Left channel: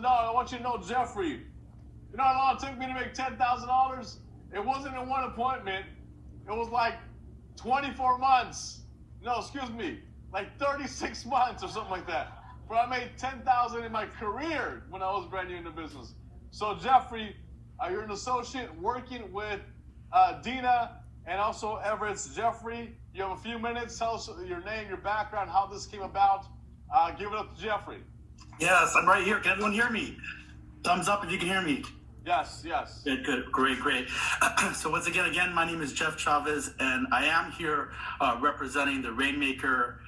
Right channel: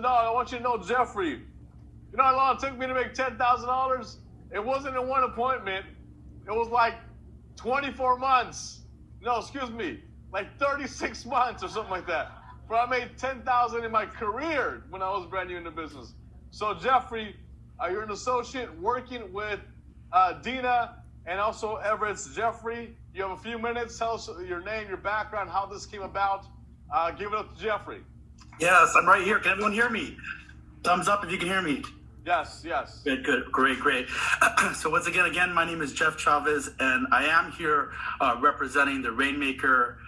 No, I want you to know, Jeffrey. You know how long it took me to make $10,000? It wasn't in one appointment. It was like 24 months. No, excuse me, like 36 months or something like that. But I made $10,000 in my career when I was brand new in the business. So Jeffrey, you're an associate working with Dina and also Everett's. Jeffrey, you have a few minutes. Tell us your name, your background, how this came about. Give it up to Jeffrey. Yes, I'm right here. Can everyone hear me? Thumbs up if you can hear me. Yes, yes. Good, great. So once again, my name is Jeff Chavez, and I am here representing the Rainmaker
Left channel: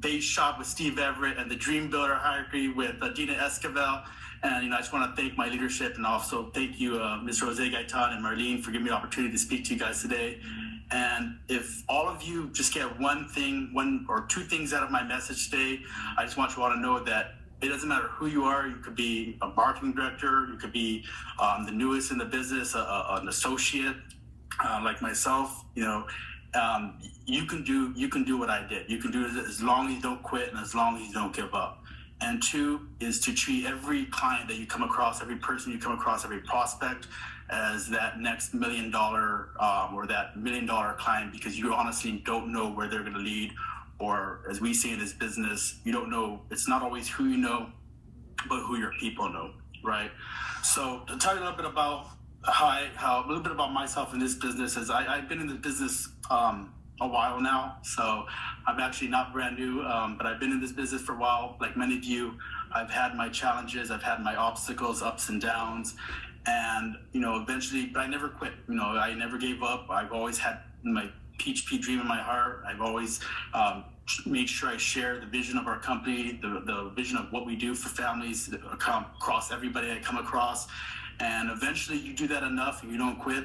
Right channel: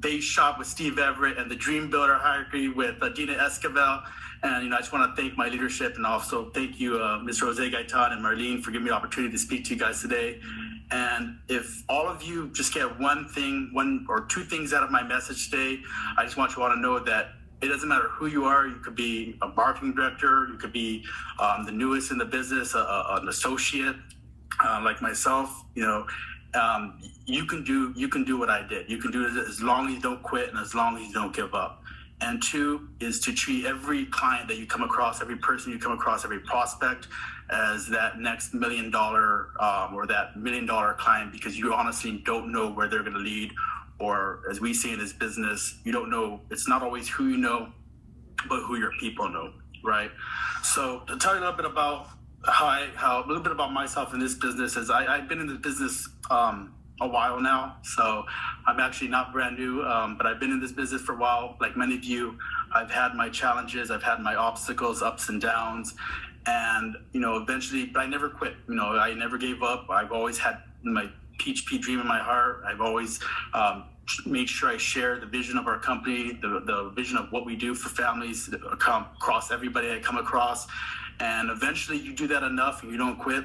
base shop with Steve Everett and the Dream Builder hierarchy with Dina Esquivel. And I just want to thank my leadership, and also thank you, Ms. Rose Gaitan and Marlene, for giving me the opportunity to speak to you guys today. And if all of you just get one or two things out of my message today, I just want you all to know that it doesn't matter who you are. You could be a marketing director, you could be the newest in the business, an associate like myself. You can do what I did. You can do it as long as you don't quit and as long as you don't give up. And two is to treat every client that you come across, every person you come across, every prospect as that next $1 million or that $1 million client, because you honestly don't know where they're going to lead. Or as we say in this business, you don't know. It's not always who you know, but who your people know, right? So to tell you a little bit about a little bit about myself in this business is I've been in the business a while now. So I'm actually not brand new, but I've been in this business for a while. Like many of you, I've had my challenges, I've had my obstacles, ups and downs, and eventually, but I never quit. I never gave up. I've always had my PHP dream in my heart. I've always made sure I share the vision of our company, the vision of what we do for families across everybody I come across. And eventually you do that enough and you don't quit,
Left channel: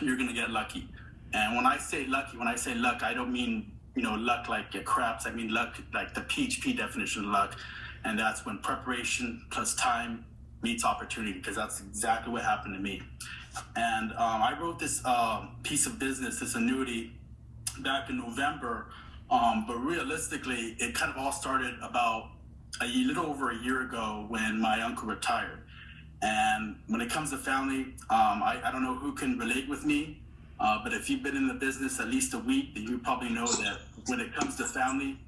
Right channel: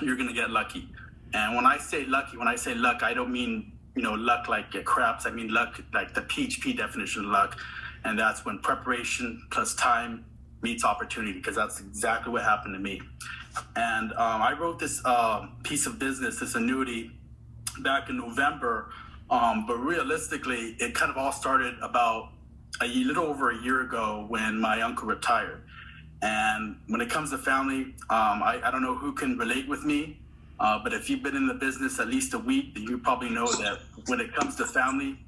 you're going to get lucky. And when I say luck, I don't mean, luck like it craps. I mean luck like the PHP definition of luck. And that's when preparation plus time meets opportunity, because that's exactly what happened to me. And I wrote this piece of business, this annuity, back in November. But realistically, it kind of all started about a little over a year ago when my uncle retired. And when it comes to family, I don't know who can relate with me, but if you've been in the business at least a week, then you probably know that when it comes to family,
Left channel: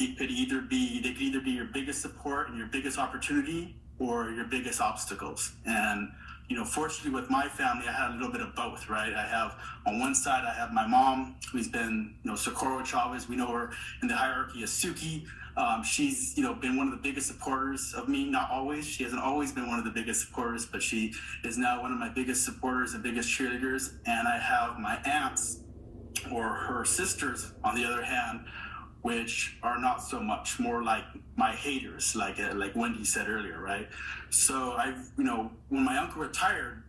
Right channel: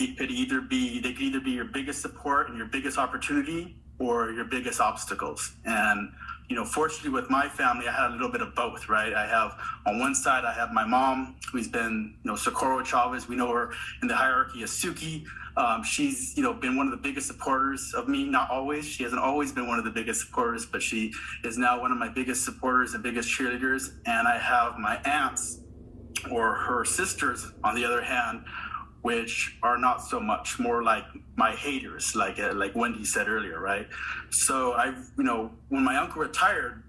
they could either be your biggest support and your biggest opportunity, or your biggest obstacles. And fortunately with my family, I had a little bit of both, right? I have, on one side, I have my mom, who's been, Socorro Chavez. We know her in the hierarchy as Suki. She's, been one of the biggest supporters of me. Not always. She hasn't always been one of the biggest supporters, but she is now one of my biggest supporters and biggest cheerleaders. And I have my aunts, or her sisters, on the other hand, which are not so much, more like my haters, like Wendy said earlier, right? So when my uncle retired,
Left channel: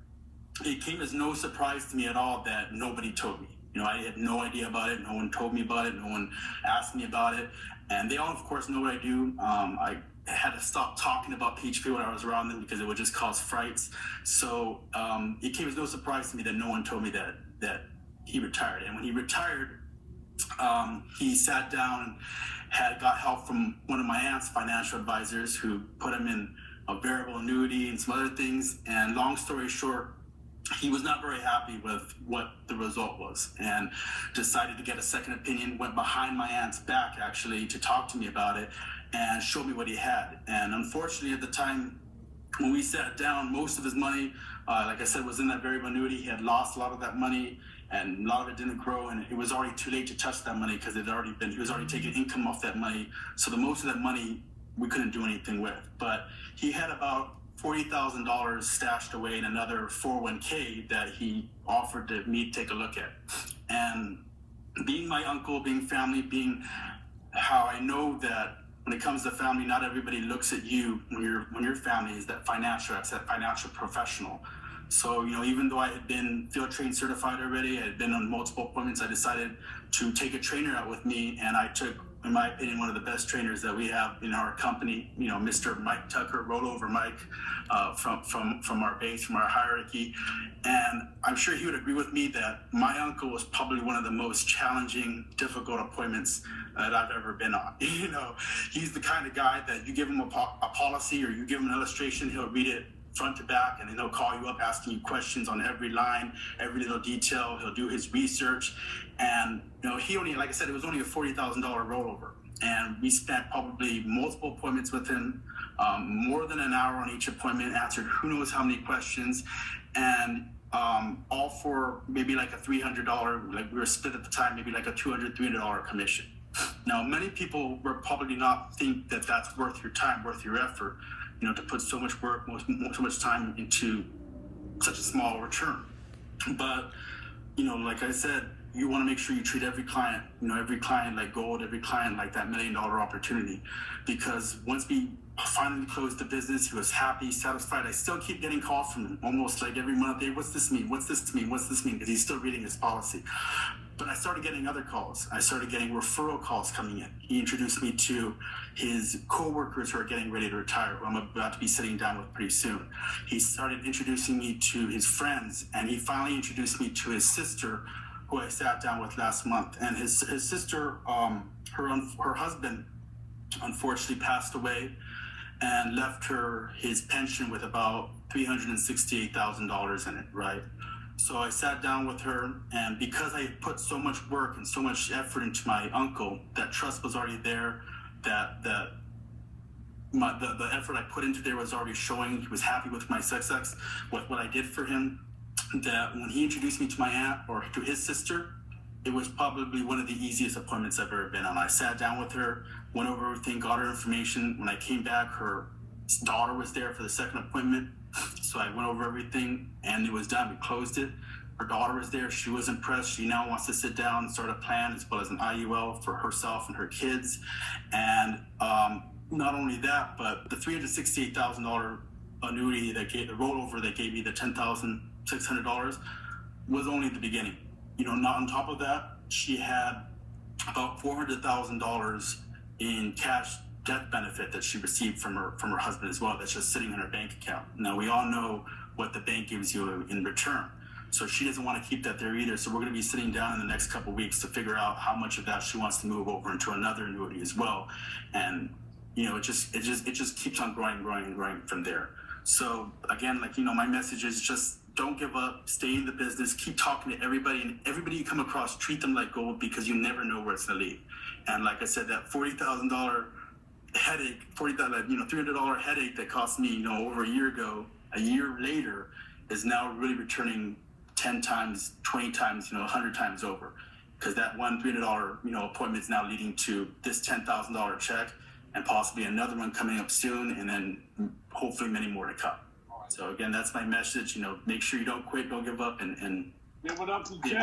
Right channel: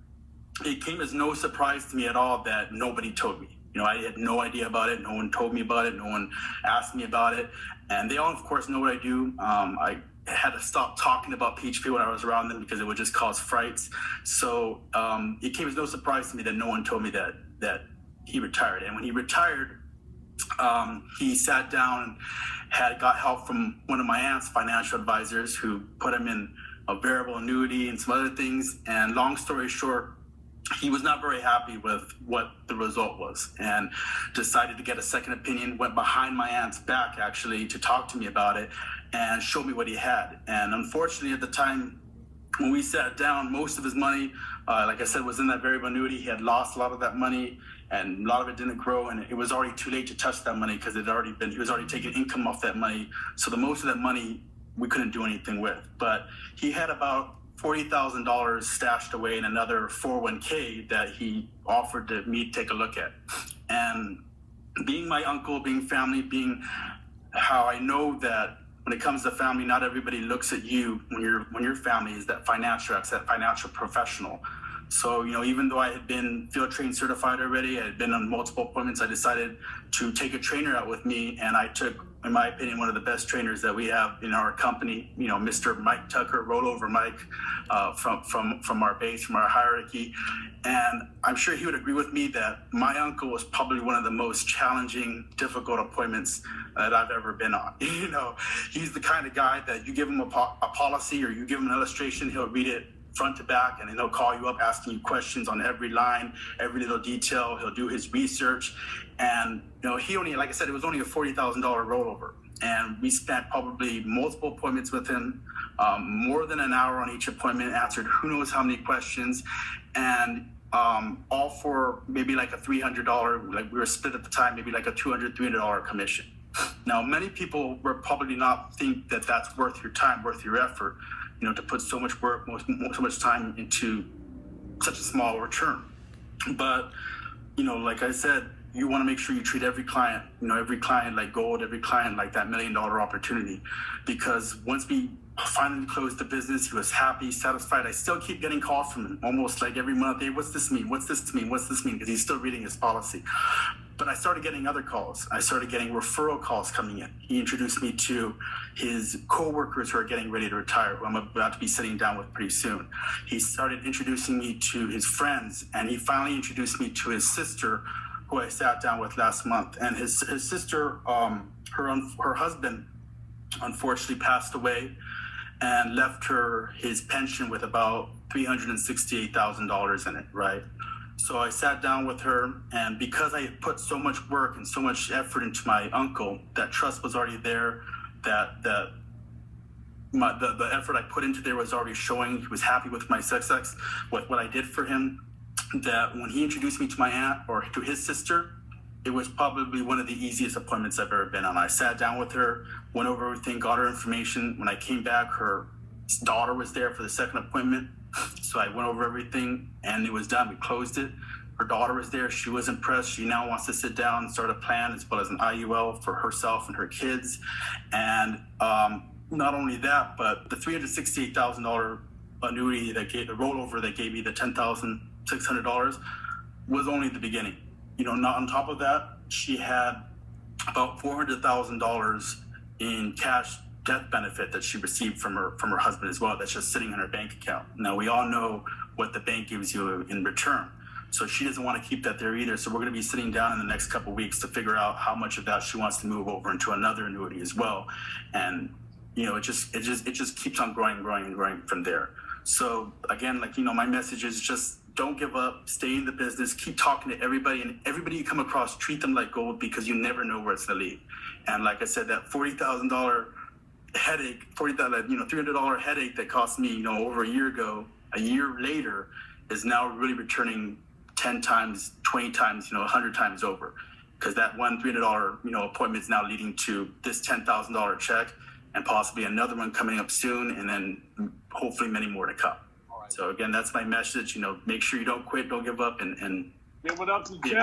it came as no surprise to me at all that nobody told me. I had no idea about it. No one told me about it. No one asked me about it. And they all, of course, know what I do. I had to stop talking about PHP when I was around them because it would just cause frights. So it came as no surprise to me that no one told me that he retired. And when he retired, he sat down and got help from one of my aunt's financial advisors, who put him in a variable annuity and some other things. And long story short, he was not very happy with what the result was and decided to get a second opinion, went behind my aunt's back actually to talk to me about it and show me what he had. And unfortunately at the time when we sat down, most of his money, like I said, was in that variable annuity. He had lost a lot of that money, and a lot of it didn't grow, and it was already too late to touch that money because he was already taking income off that money. So the most of that money we couldn't do anything with. But he had about $40,000 stashed away in another 401k that he offered me to take a look at. And being my uncle, being family, being how I know that when it comes to family, not everybody looks at you when your family is that financial professional. So, even though I had been field trained certified already, I had been on multiple appointments, I decided to take a trainer out with me, and I took, in my opinion, one of the best trainers that we have in our company, Mr. Mike Tucker, Rollover Mike, from our base, from our hierarchy. And I'm sure he would agree with me that my uncle was probably one of the most challenging, difficult appointments that I've ever been on. You know, he's the kind of guy that you give him a policy or you give him an illustration, he'll read it front to back, and then he'll call you up asking you questions on every line, every little detail. He'll do his research. And, you know, he only, like I said, it was only a $40,000 rollover. And we spent probably multiple appointments with him, more than an hour on each appointment, answered who knows how many questions, and all for maybe like a $300, like we were split at the time, maybe like a $300 commission. Now, many people will probably not think that that's worth your time, worth your effort, you know, to put so much work, so much time into such a small return. But, you know, like I said, you want to make sure you treat every client like gold, every client like that $1 million opportunity. Because once we finally closed the business, he was happy, satisfied. I still keep getting calls from him almost like every month. Hey, what's this mean? What's this mean? What's this mean? Because he's still reading his policy. But I started getting other calls. I started getting referral calls coming in. He introduced me to his coworkers who are getting ready to retire, who I'm about to be sitting down with pretty soon. He started introducing me to his friends, and he finally introduced me to his sister, who I sat down with last month. And his sister, her husband, unfortunately passed away and left her his pension with about $368,000 in it, right? So I sat down with her, and because I put so much work and so much effort into my uncle, that trust was already there, the effort I put into there was already showing. He was happy with my success, what I did for him, that when he introduced me to my aunt or to his sister, it was probably one of the easiest appointments I've ever been on. I sat down with her, went over everything, got her information. When I came back, her daughter was there for the second appointment. So I went over everything and it was done. We closed it. Her daughter was there. She was impressed. She now wants to sit down and start a plan as well as an IUL for herself and her kids. And not only that, but the $368,000 annuity the rollover that gave me the $10,600 was only the beginning. You know, not on top of that, she had about $400,000 in cash death benefit that she received from her husband as well. That's just sitting in her bank account. Now, we all know what the bank gives you in return. So she doesn't want to keep that there either. So we're going to be sitting down in the next couple of weeks to figure out how much of that she wants to move over into another annuity as well. And, you know, it just keeps on growing from there. So again, like, you know, my message is just don't give up, stay in the business, keep talking to everybody, and everybody you come across, treat them like gold, because you never know where it's going to lead. And like I said, that $40,000 headache, $300 headache that cost me, you know, over a year ago, a year later, is now really returning 10 times, 20 times, you know, 100 times over. Because that one $300, you know, appointment is now leading to this $10,000 check and possibly another one coming up soon, and then hopefully many more to come. So again, that's my message. You know, make sure you don't quit, don't give up, and give it up to Jeff.